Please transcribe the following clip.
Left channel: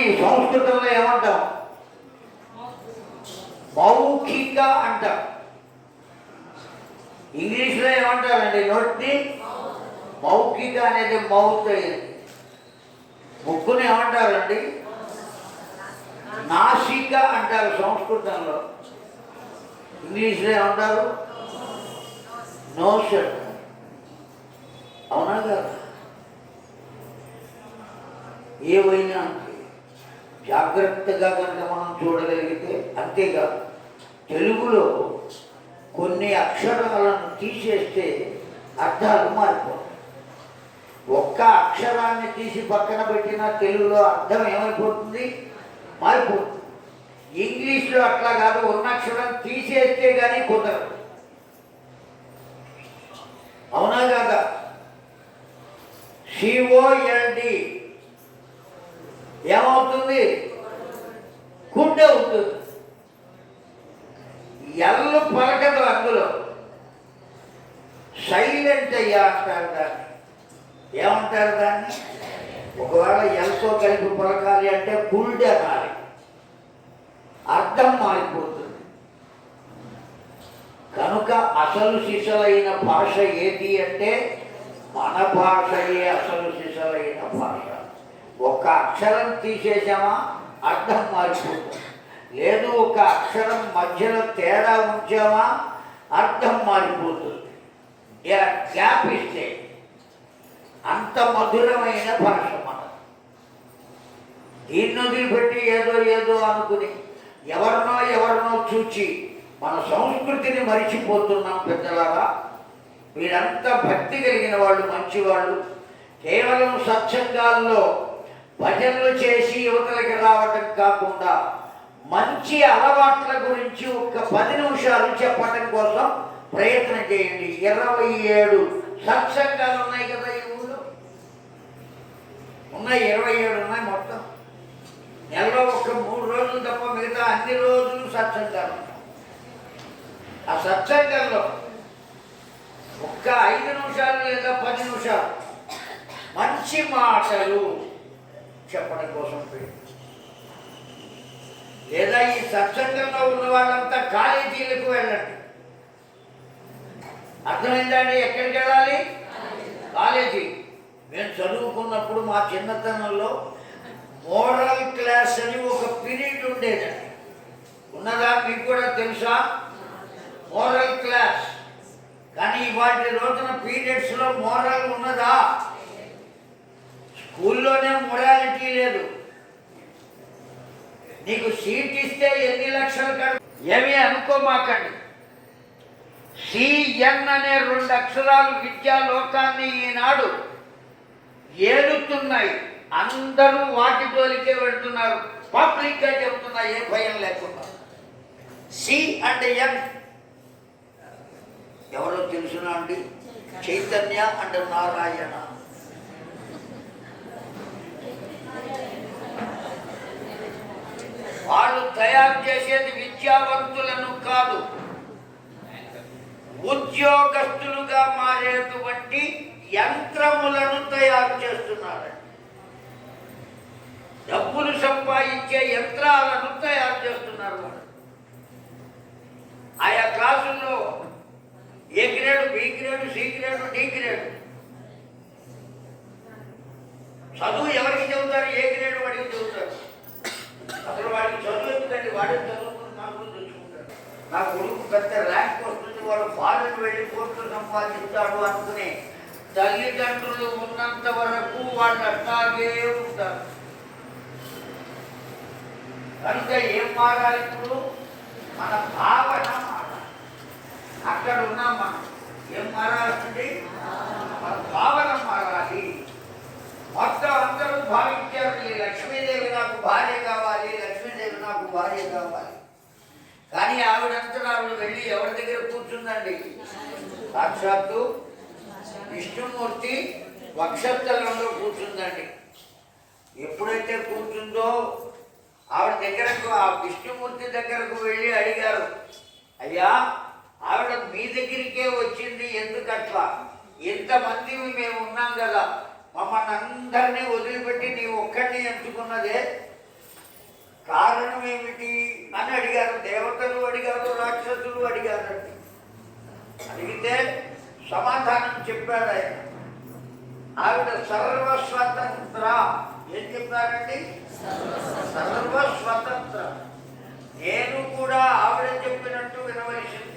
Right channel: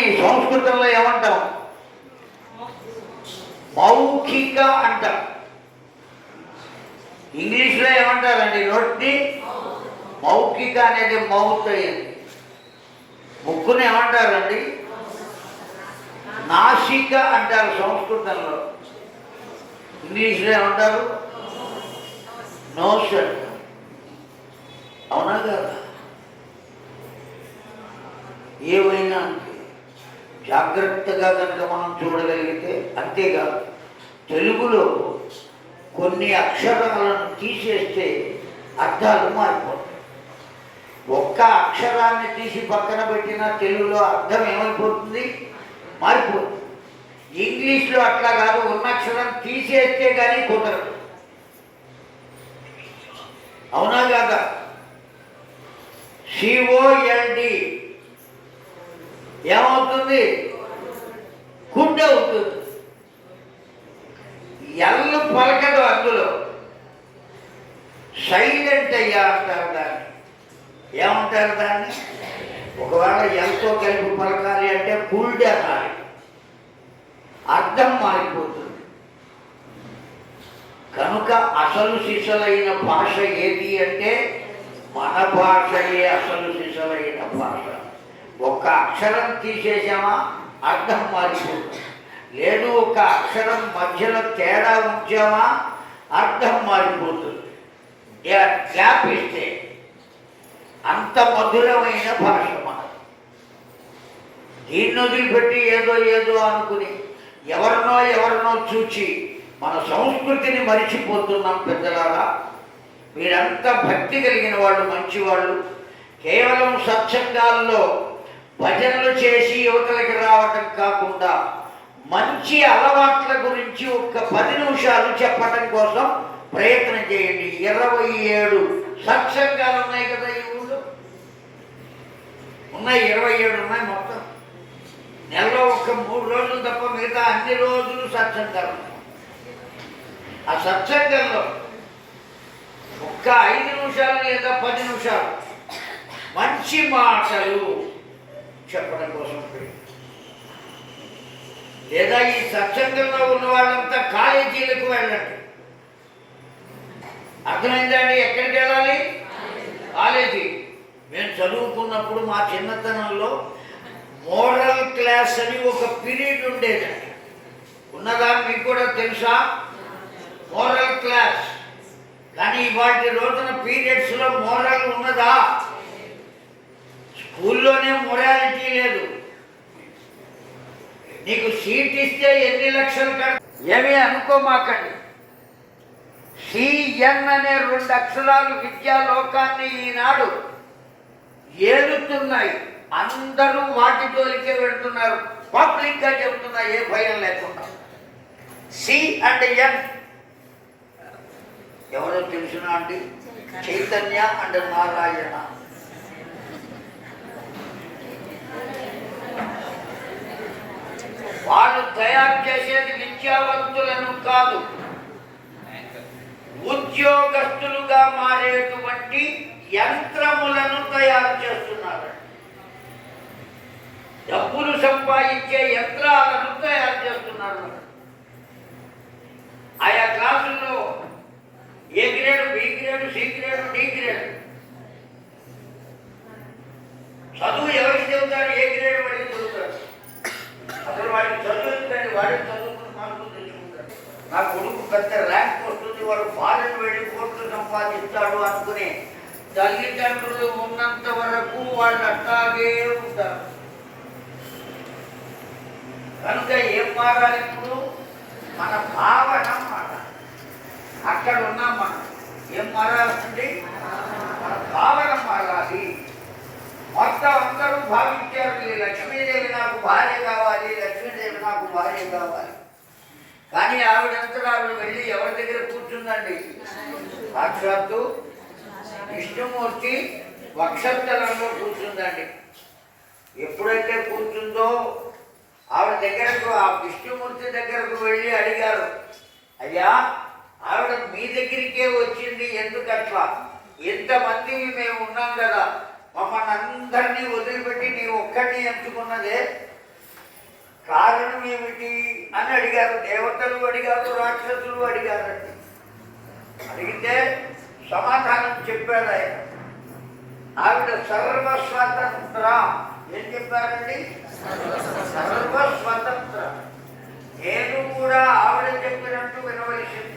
సంస్కృతంలో ఏమంటాం? మౌఖిక అంటాం. ఇంగ్లీష్లో ఏమంటారండి? నోటిని మౌఖిక అనేది మౌత్ అయ్యింది. ముక్కుని ఏమంటారండి? నాసిక అంటారు సంస్కృతంలో. ఇంగ్లీష్లో ఏమంటారు? నోస్ అంటారు. అవునా కదా? ఏవైనా జాగ్రత్తగా కనుక మనం చూడగలిగితే అంతేకాదు తెలుగులో కొన్ని అక్షరాలను తీసేస్తే అర్థాలు మారిపోతాయి. ఒక్క అక్షరాన్ని తీసి పక్కన పెట్టినా తెలుగులో అర్థం ఏమైపోతుంది? మారిపోతుంది. ఇంగ్లీష్లో అట్లా కాదు ఉన్న అక్షరం తీసేస్తే కానీ కుదరదు. అవునా కాదా? సిఓఎల్డి ఏమవుతుంది? గుండె అవుతుంది. ఎల్లు పలకదు అందులో. సైలెంట్ అయ్యా అంటారు దాన్ని. ఏమంటారు దాన్ని? ఒకవేళ ఎల్తో కలిపి పలకాలి అంటే కుల్డ్ అనాలి అర్థం మారిపోతుంది. కనుక అసలు సిసలైన భాష ఏది అంటే మన భాషయే అసలు సిసలైన భాష. ఒక్క అక్షరం తీసేసామా అర్థం మారిపోతుంది లేదు ఒక అక్షరం మధ్యలో తేడా ఉంచామా? అర్థం మారిపోతుంది. గ్యాప్ ఇస్తే అంత మధురమైన భాష మనం దీన్ని వదిలిపెట్టి ఏదో ఏదో అనుకుని ఎవరినో ఎవరినో చూచి మన సంస్కృతిని మరిచిపోతున్నాం పెద్దలారా. మీరంతా భక్తి కలిగిన వాళ్ళు మంచివాళ్ళు కేవలం సత్సంగాల్లో భజనలు చేసి యువతలకి రావటం కాకుండా మంచి అలవాట్ల గురించి ఒక్క పది నిమిషాలు చెప్పటం కోసం ప్రయత్నం చేయండి. ఇరవై ఏడు సత్సంగాలు ఉన్నాయి కదా ఈ ఊళ్ళో? ఉన్నాయి ఇరవై ఏడు ఉన్నాయి మొత్తం. నెలలో ఒక మూడు రోజులు తప్ప మిగతా అన్ని రోజులు సత్సంగాలు ఆ సత్సంగంలో ఒక్క ఐదు నిమిషాలు లేదా పది నిమిషాలు మంచి మాటలు చెప్పడం కోసం లేదా ఈ సత్సంగంలో ఉన్న వాళ్ళంతా కాలేజీలకు వెళ్ళండి. అర్థమైందండి? ఎక్కడికి వెళ్ళాలి? కాలేజీ. మేము చదువుకున్నప్పుడు మా చిన్నతనంలో మోడల్ క్లాస్ అని ఒక పీరియడ్ ఉండేదండి ఉన్నదా మీకు కూడా తెలుసా? Moral class. కానీ వాటి రోజున పీరియడ్స్లో మోరల్ ఉన్నదా? స్కూల్లోనే మొరాలిటీ లేదు. నీకు సీట్ ఇస్తే ఎన్ని లక్షలు కడ ఏమీ అనుకోమాకండి. సిఎన్ అనే రెండు అక్షరాలు విద్యా లోకాన్ని ఈనాడు ఏలుతున్నాయి. అందరూ వాటి జోలికే వెళ్తున్నారు. పబ్లిక్గా చెబుతున్నా ఏ భయం లేకుండా. సి అండ్ ఎన్ ఎవరో తెలుసునా అండి? చైతన్య. అండ్ నారాయణ. వాళ్ళు తయారు చేసేది విద్యావంతులను కాదు. ఉద్యోగస్తులుగా మారేటువంటి యంత్రములను తయారు చేస్తున్నారు డబ్బులు సంపాదించే యంత్రాలను తయారు చేస్తున్నారు వాళ్ళు. ఆయా క్లాసుల్లో A grade B grade C grade D grade. చదువు ఎవరికి చెబుతారు? ఏ గ్రేడ్ అసలు వాడికి చదువు వాడికి వాడే మార్కులు తెచ్చుకుంటాడు. నా కొడుకు పెద్ద ర్యాంక్ వస్తుంది వాడు ఫారెన్ వెళ్ళి కోర్టు సంపాదిస్తాడు అనుకునే తల్లిదండ్రులు ఉన్నంత వరకు వాళ్ళు అట్లాగే ఉంటారు కనుక ఏం మారాలి ఇప్పుడు? మన భావన మారాలి. అక్కడ ఉన్నాం మనం ఏం మారాల్సింది? మన భావన మారాలి. మొత్తం అందరూ భావించారు. లక్ష్మీదేవి నాకు భార్య కావాలి. భార్య కావాలి. కానీ ఆవిడంతా ఆవిడ వెళ్ళి ఎవరి దగ్గర కూర్చుందండి? సాక్షాత్తు విష్ణుమూర్తి వక్షస్థలంలో కూర్చుందండి. ఎప్పుడైతే కూర్చుందో ఆవిడ దగ్గరకు ఆ విష్ణుమూర్తి దగ్గరకు వెళ్ళి అడిగారు అయ్యా ఆవిడ మీ దగ్గరికే వచ్చింది ఎందుకట్లా? ఎంతమంది మేము ఉన్నాం కదా మమ్మల్ని అందరినీ వదిలిపెట్టి నీ ఒక్కడిని ఎంచుకున్నదే కారణం ఏమిటి? అని అడిగారు దేవతలు అడిగారు రాక్షసులు అడిగారండి అడిగితే సమాధానం చెప్పారు ఆయన. ఆవిడ సర్వస్వతంత్ర. ఏం చెప్పారండి? సర్వస్వతంత్ర. నేను కూడా ఆవిడ చెప్పినట్టు వినవలసింది